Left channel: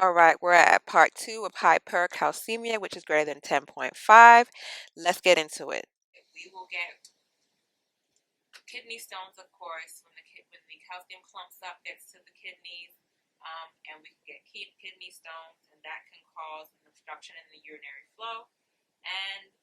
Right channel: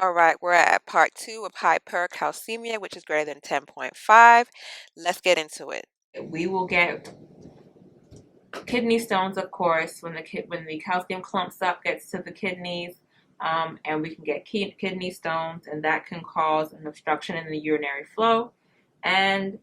All right, we're at part 2 of hypercalcemia, which is greater than 10.5. Let's get into it. We will get kidney stones, of course, when the calcium clumps up, gets to the kidneys, and we can get kidney stones, and that can cause an obstruction in the urinary flow and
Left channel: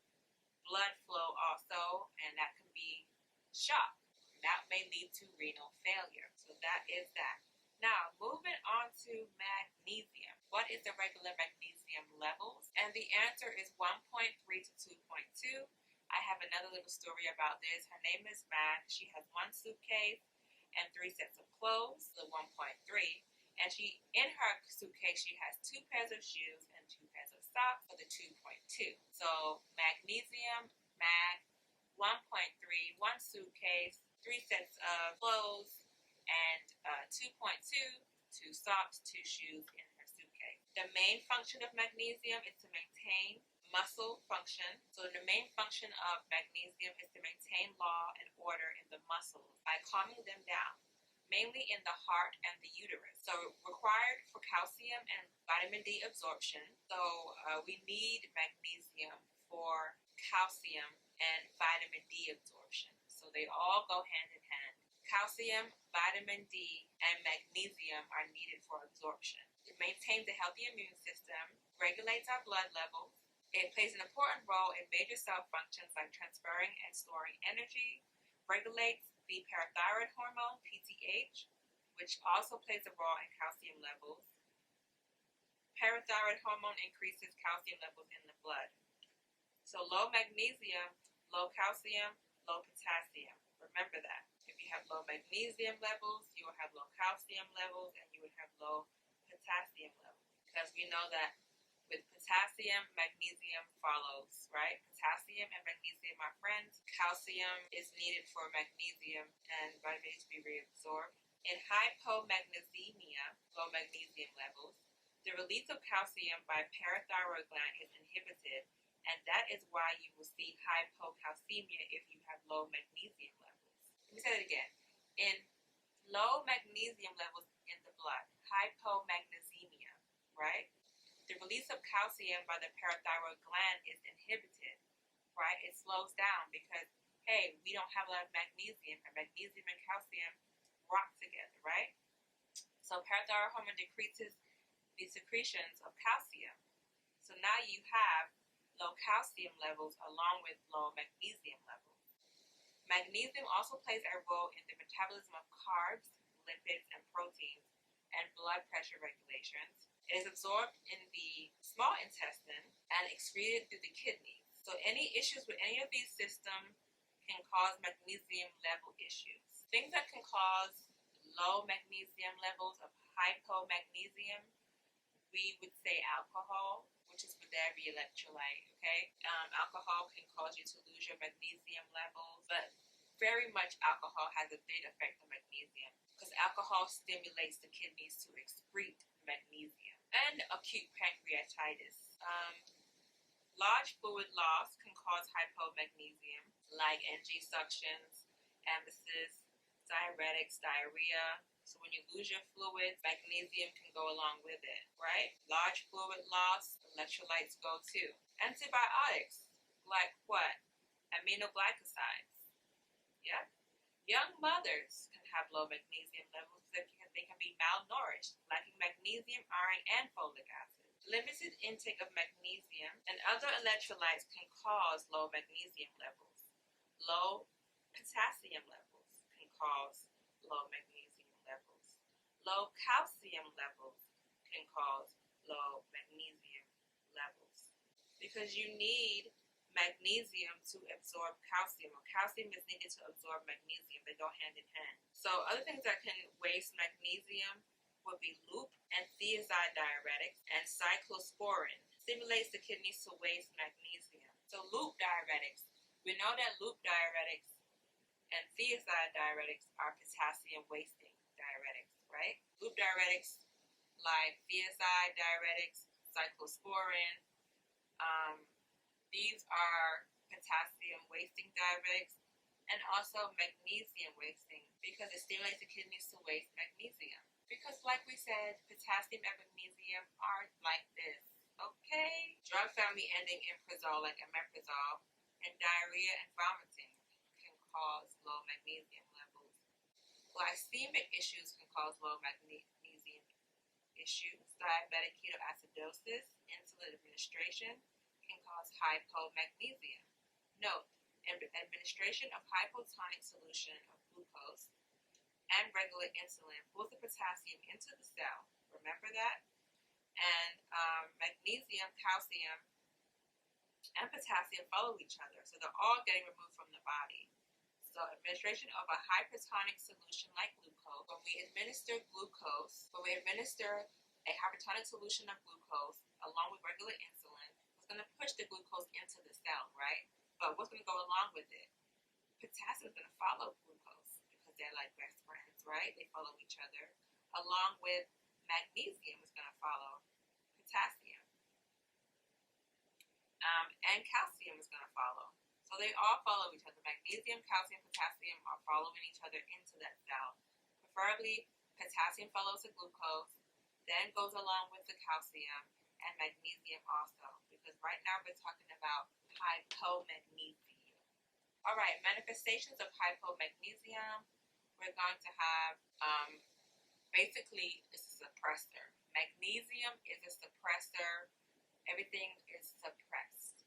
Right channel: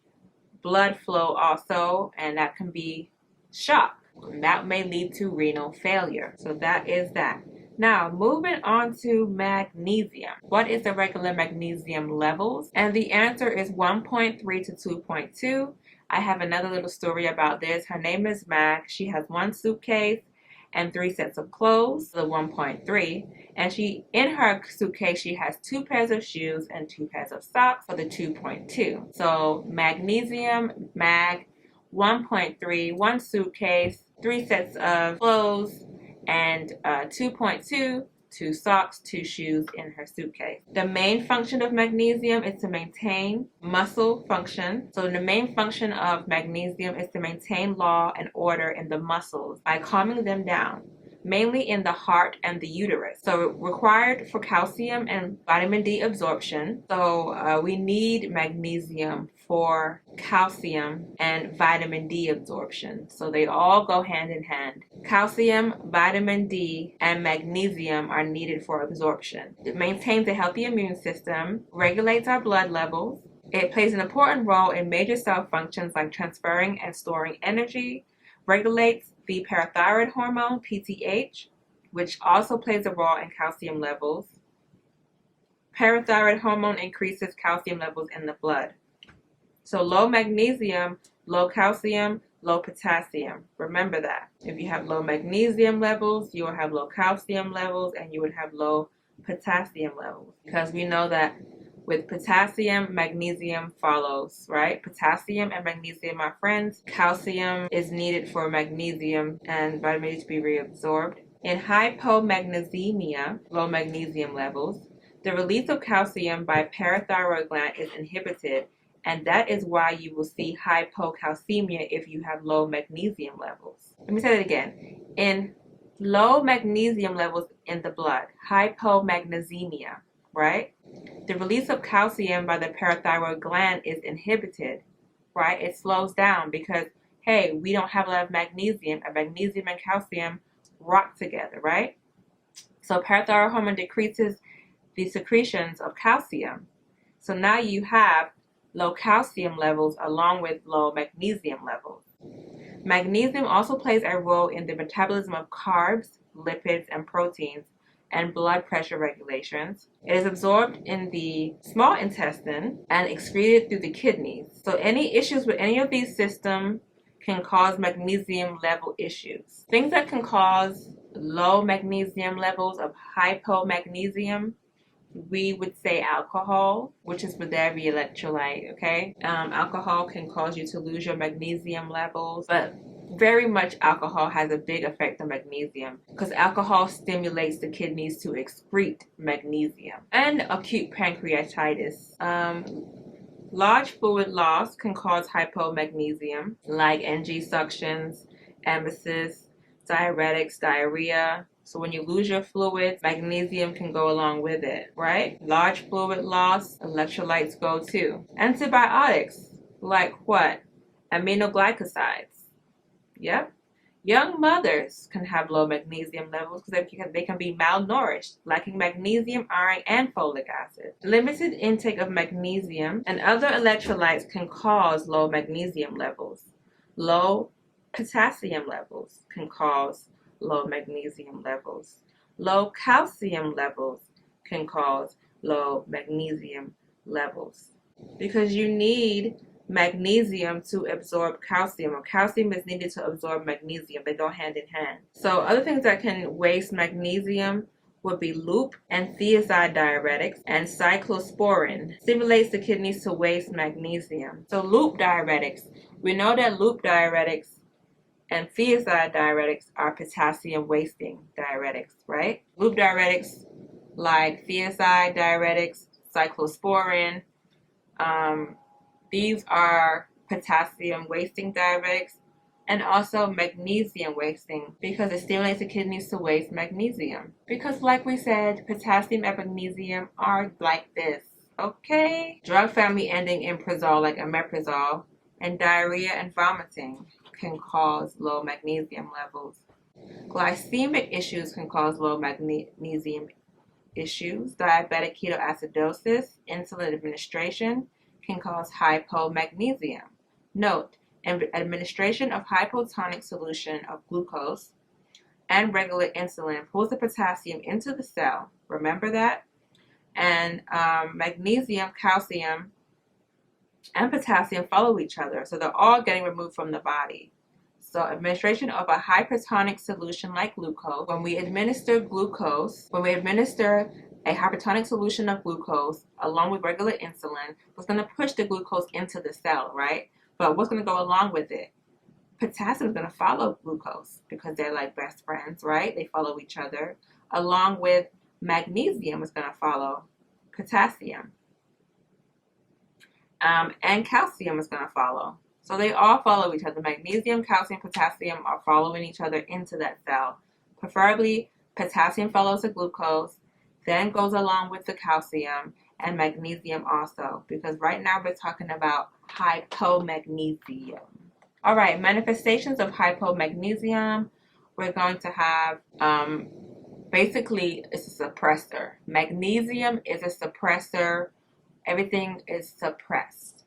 blood flow also, and that can be shock. And that may lead to renal failure. So that is that. Now, moving on to magnesium. What is the regular magnesium levels? And the answer is 1.3 to 2.2. I have another little story about this. Her name is Mag. She has one suitcase and 3 sets of clothes, the 1.3. And in her suitcase, she has 2 pairs of shoes and 2 pairs of socks for the 2.2. So magnesium, mag, 1.3, one suitcase, 3 sets of clothes, and 2.2, 2 socks, 2 shoes in her suitcase. The main function of magnesium is to maintain muscle function. So the main function of magnesium is to maintain law and order in the muscles by calming them down, mainly in the heart and the uterus. So required for calcium and vitamin D absorption. So we need magnesium for calcium and vitamin D absorption. So they all go hand in hand. Calcium, vitamin D, and magnesium are needed for absorption. It maintains a healthy immune system, regulates our blood levels. It plays an important role in major cell functions like transferring and storing energy, regulates the parathyroid hormone, PTH, which also plays a role in calcium levels. Parathyroid hormone increases calcium levels in the blood. So low magnesium, low calcium, low potassium. Remember that. If you have low magnesium levels, you will have low calcium levels, and you would have low potassium levels. Because we know that with potassium, magnesium follows, right? Potassium and magnesium are friends. Calcium is needed for magnesium and vitamin D to be reabsorbed. In hypomagnesemia, low magnesium levels, the release of calcium by parathyroid gland is inhibited, and that is why you will see hypocalcemia if you have low magnesium levels. Let me say that again. In low magnesium levels in the blood, hypomagnesemia, right? The release of calcium by the parathyroid gland is inhibited, right? It slows down because, hey, we don't have a lot of magnesium, and magnesium and calcium rock together, right? So parathyroid hormone decreases the secretions of calcium. So now you have low calcium levels along with low magnesium levels. Magnesium also plays a role in the metabolism of carbs, lipids, and proteins, and blood pressure regulations. It is absorbed in the small intestine and excreted through the kidneys. So any issues with any of these systems can cause magnesium level issues. Things that can cause low magnesium levels of hypomagnesium, we would say alcohol, which is with every electrolyte, okay? Alcohol can cause you to lose your magnesium levels, but very much alcohol has a big effect on magnesium because alcohol stimulates the kidneys to excrete magnesium. And acute pancreatitis. Large fluid loss can cause hypomagnesium, like NG suctions, emesis, diuretics, diarrhea. So when you lose your fluids, magnesium can go along with it, right? Large fluid loss, electrolytes go too. Antibiotics, like what? Aminoglycosides. Yep. Young mothers can have low magnesium levels because they can be malnourished, lacking magnesium, iron, and folic acid. Limited intake of magnesium and other electrolytes can cause low magnesium levels. Low potassium levels can cause low magnesium levels. Low calcium levels can cause low magnesium levels. Because you need magnesium to absorb calcium, or calcium is needed to absorb magnesium. They go hand in hand. So other things that can waste magnesium would be loop and thiazide diuretics, and cyclosporin stimulates the kidneys to waste magnesium. So loop diuretics, we know that loop diuretics and thiazide diuretics are potassium wasting diuretics, right? Loop diuretics like thiazide diuretics, cyclosporin, these are potassium wasting diuretics, And also magnesium wasting, because it stimulates the kidneys to waste magnesium. Because like we said, potassium and magnesium are like this, okay? Drug family ending in prozole, like omeprazole, and diarrhea and vomiting can cause low magnesium levels. Glycemic issues can cause low magnesium issues. Diabetic ketoacidosis, insulin administration can cause hypomagnesium. Note, administration of hypotonic solution of glucose and regular insulin pulls the potassium into the cell. Remember that? And magnesium, calcium, and potassium follow each other. So they're all getting removed from the body. So administration of a hypertonic solution like glucose, when we administer a hypertonic solution of glucose along with regular insulin, was going to push the glucose into the cell, right? But what's going to go along with it? Potassium is going to follow glucose because they're like best friends, right? They follow each other. Along with magnesium is going to follow potassium. And calcium is going to follow. So they all follow each other. Magnesium, calcium, potassium are following each other into that cell. Preferably, potassium follows the glucose, then goes along with the calcium, and magnesium also, because right now we're talking about hypomagnesium. All right, manifestations of hypomagnesium. We're going to have, basically, it's a suppressor. Magnesium is a suppressor. Everything is suppressed.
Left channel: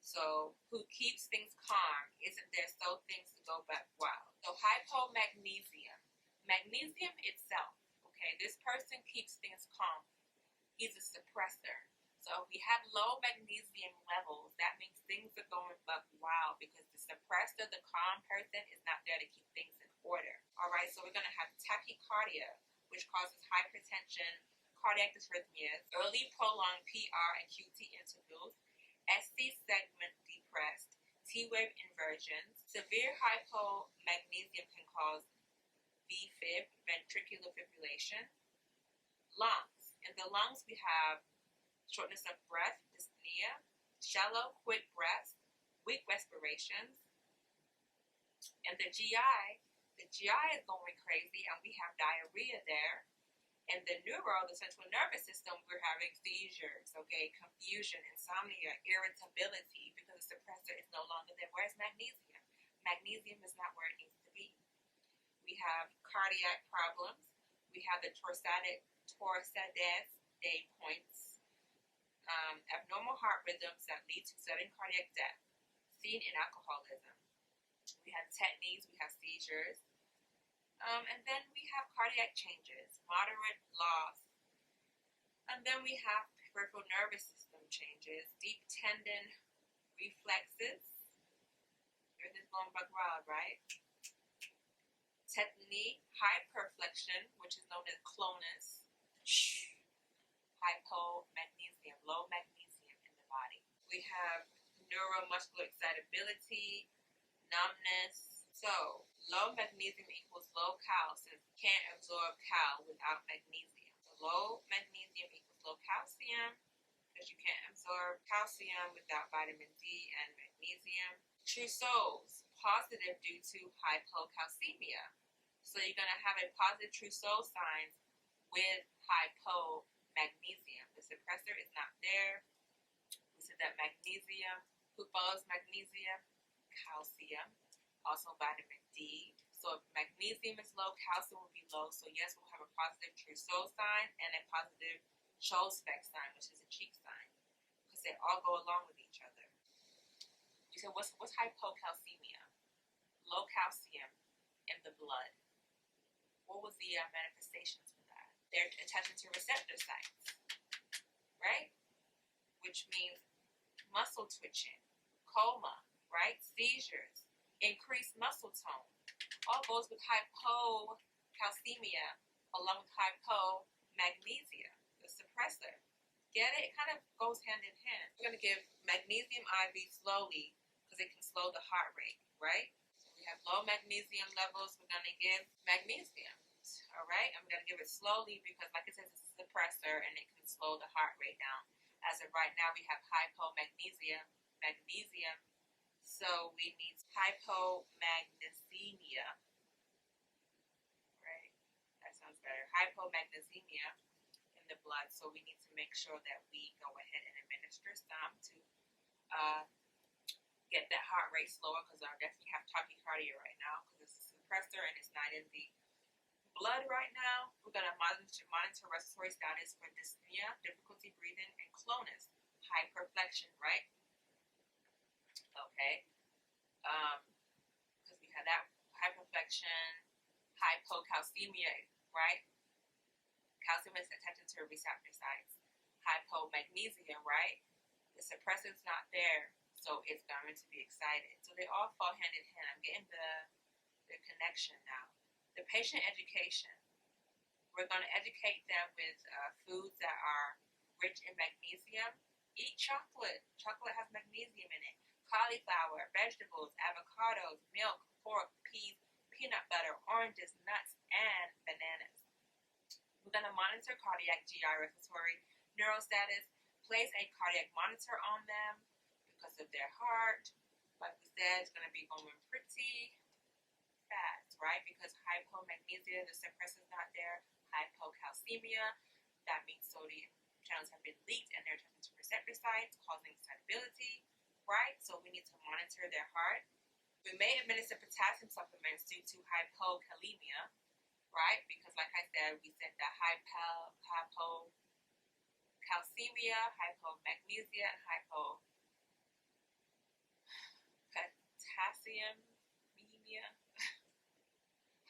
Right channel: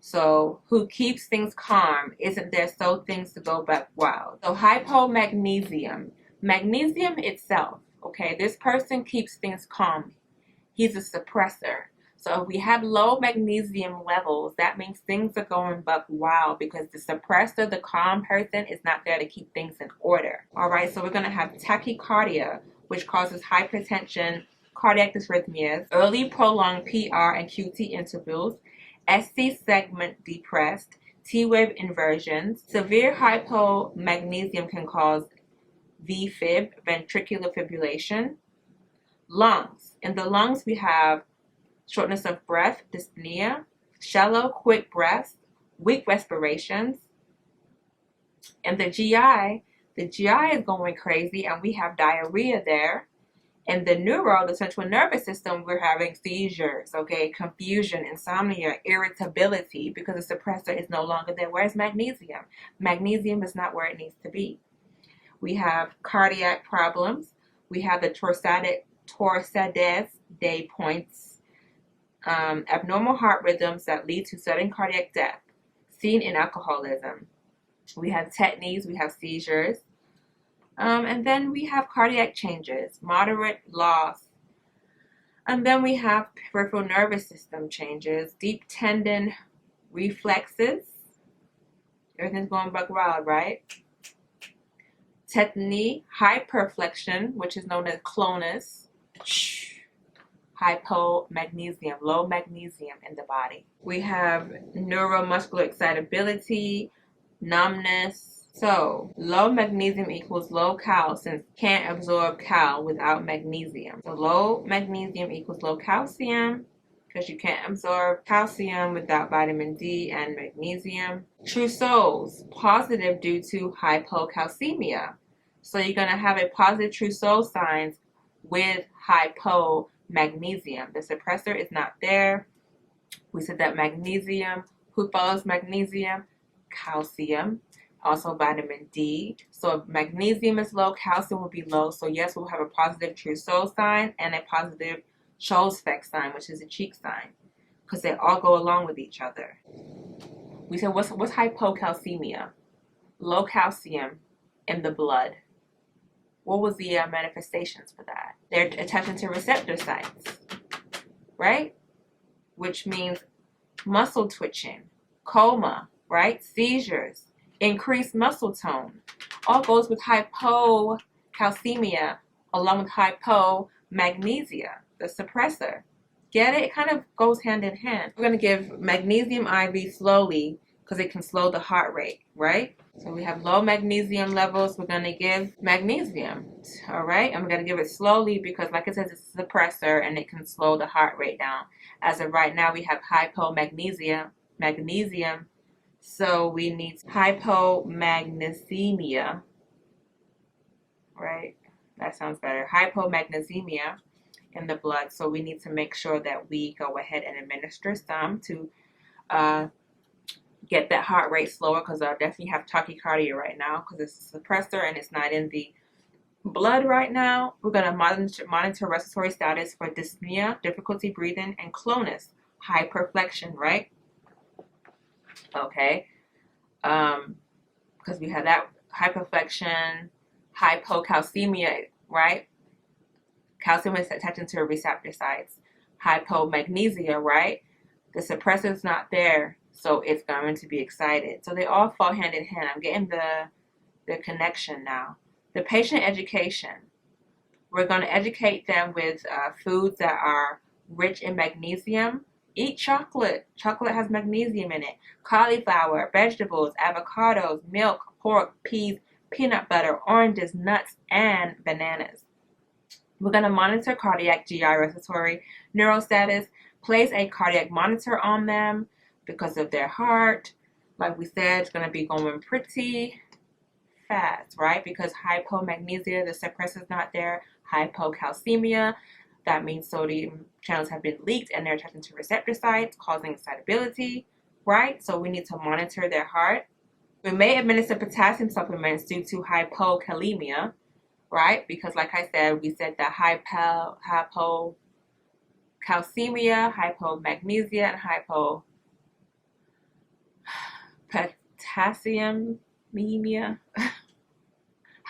So who keeps things calm isn't there, so things to go back wild. So hypomagnesium, magnesium itself, okay, this person keeps things calm. He's a suppressor. So if we have low magnesium levels, that means things are going buck wild because the suppressor, the calm person, is not there to keep things in order. All right, so we're going to have tachycardia, which causes hypertension, cardiac dysrhythmias, early prolonged PR and QT intervals, SC segment depressed, T-wave inversions. Severe hypomagnesium can cause VFib, ventricular fibrillation. Lungs. In the lungs, we have shortness of breath, dyspnea, shallow, quick breaths, weak respirations. And the GI is going crazy, and we have diarrhea there. In the the central nervous system, we're having seizures, okay, confusion, insomnia, irritability, because the suppressor is no longer there. Where's magnesium? Magnesium is not where it needs to be. We have cardiac problems. We have the Torsades day points, abnormal heart rhythms that lead to sudden cardiac death, seen in alcoholism. We have tetanies, we have seizures. And then we have cardiac changes, moderate loss. And then we have peripheral nervous system changes, deep tendon reflexes. Everything's going buck wild, right? Tetany, hyperflexion, which is known as clonus. Hypomagnesium, low magnesium in the body. We have neuromuscular excitability, numbness. So low magnesium equals low cal, since can't absorb cal without magnesium. So low magnesium equals low calcium, because you can't absorb calcium without vitamin D and magnesium. Trousseau's, positive due to hypocalcemia. So you're going to have a positive Trousseau signs with hypomagnesium. The suppressor is not there. We said that magnesium, who follows magnesium? Calcium. Also vitamin D. So if magnesium is low, calcium will be low. So yes, we'll have a positive Trousseau sign and a positive Scholl's-Fleck sign, which is a cheek sign, because they all go along with each other. We said, what's hypocalcemia? Low calcium in the blood. What was the manifestations for that? They're attaching to receptor sites, right? Which means muscle twitching, coma, right? Seizures, increased muscle tone. All goes with hypocalcemia along with hypomagnesia, the suppressor. Get it? It kind of goes hand in hand. We're going to give magnesium IV slowly because it can slow the heart rate, right? So we have low magnesium levels. We're going to give magnesium, all right? And we're going to give it slowly because, like it says, it's a suppressor and it can slow the heart rate down. As of right now, we have hypomagnesia, magnesium, So we need hypomagnesemia, right? That sounds better. Hypomagnesemia in the blood. So we need to make sure that we go ahead and administer some to get that heart rate slower, because I definitely have tachycardia right now because it's a suppressor and it's not in the blood right now. We're going to monitor respiratory status for dyspnea, difficulty breathing, and clonus, hyperflexion, right? Okay. Because we have that hyperflexion, hypocalcemia, right? Calcium is attaching to receptor sites. Hypomagnesia, right? The suppressor is not there, so it's going to be excited. So they all fall hand in hand. I'm getting the connection now. The patient education. We're going to educate them with foods that are rich in magnesium. Eat chocolate. Chocolate has magnesium in it. Cauliflower, vegetables, avocados, milk, pork, peas, peanut butter, oranges, nuts, and bananas. We're going to monitor cardiac, GI, respiratory, neural status. Place a cardiac monitor on them because of their heart. Like we said, it's going to be going pretty fast, right? Because hypomagnesia, the suppressor is not there. Hypocalcemia, that means sodium channels have been leaked and they're attaching to receptor sites, causing excitability, right? So we need to monitor their heart. We may administer potassium supplements due to hypokalemia, right? Because like I said, we said that hypocalcemia, hypomagnesia, and hypopotassiemia,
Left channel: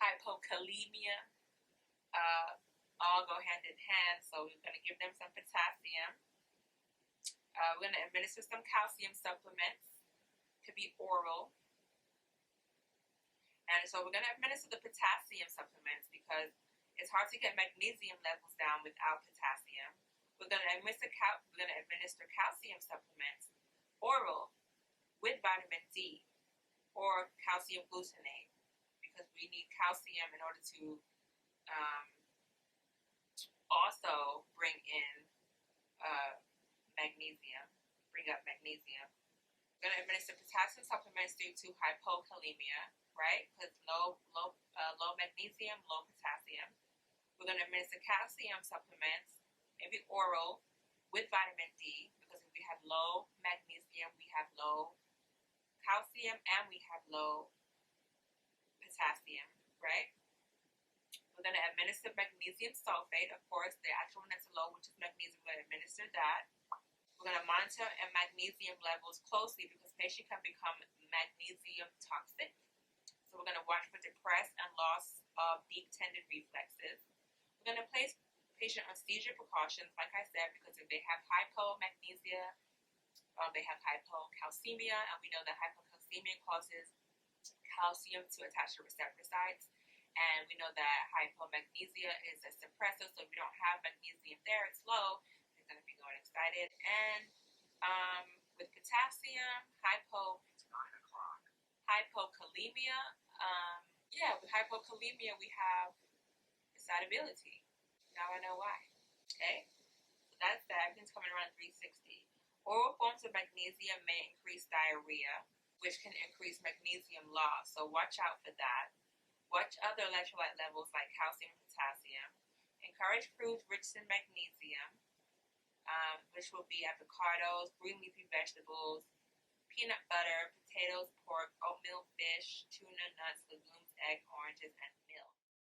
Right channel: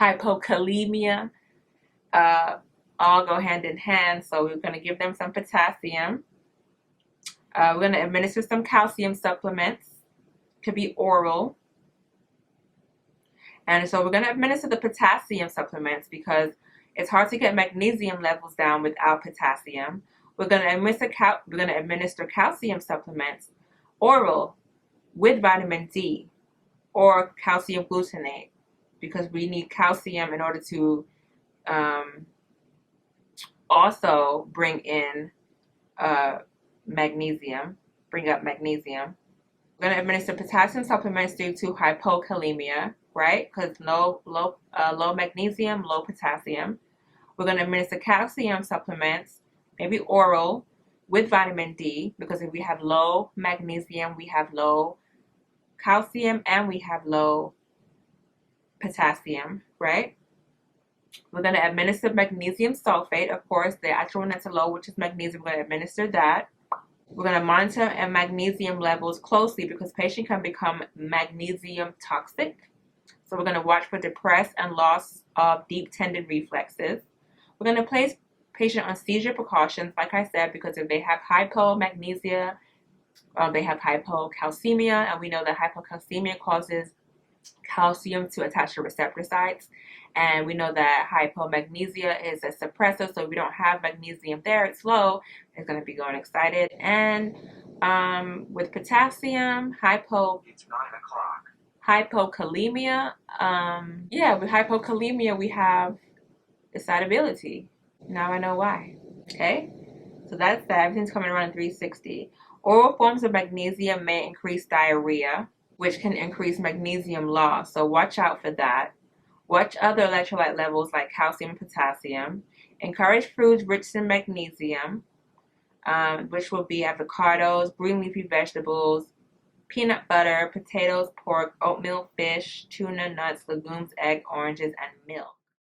hypokalemia, all go hand in hand. So we're going to give them some potassium. We're going to administer some calcium supplements. Could be oral. And so we're going to administer the potassium supplements because it's hard to get magnesium levels down without potassium. We're going to administer calcium supplements oral with vitamin D or calcium glutamate, because we need calcium in order to also bring in magnesium, bring up magnesium. We're going to administer potassium supplements due to hypokalemia, right? Because low magnesium, low potassium. We're going to administer calcium supplements, maybe oral, with vitamin D, because if we have low magnesium, we have low calcium, and we have low potassium, right? We're going to administer magnesium sulfate, of course, the actual one that's low, which is magnesium. We're going to administer that. We're going to monitor magnesium levels closely because patient can become magnesium toxic. So we're going to watch for depressed and loss of deep tendon reflexes. We're going to place patient on seizure precautions, like I said, because if they have hypomagnesia, they have hypocalcemia, and we know that hypocalcemia causes calcium to attach to receptor sites. And we know that hypomagnesia is a suppressor, so if we don't have magnesium there, it's low, it's going to be going excited. And with potassium, it's 9 o'clock. Hypokalemia, with hypokalemia, we have excitability. Now I know why. Okay, so that's that. Everything's coming around 360. Oral forms of magnesium may increase diarrhea, which can increase magnesium loss, so watch out for that. Watch other electrolyte levels like calcium and potassium. Encourage foods rich in magnesium, which will be avocados, green leafy vegetables, peanut butter, potatoes, pork, oatmeal, fish, tuna, nuts, legumes, egg, oranges, and milk.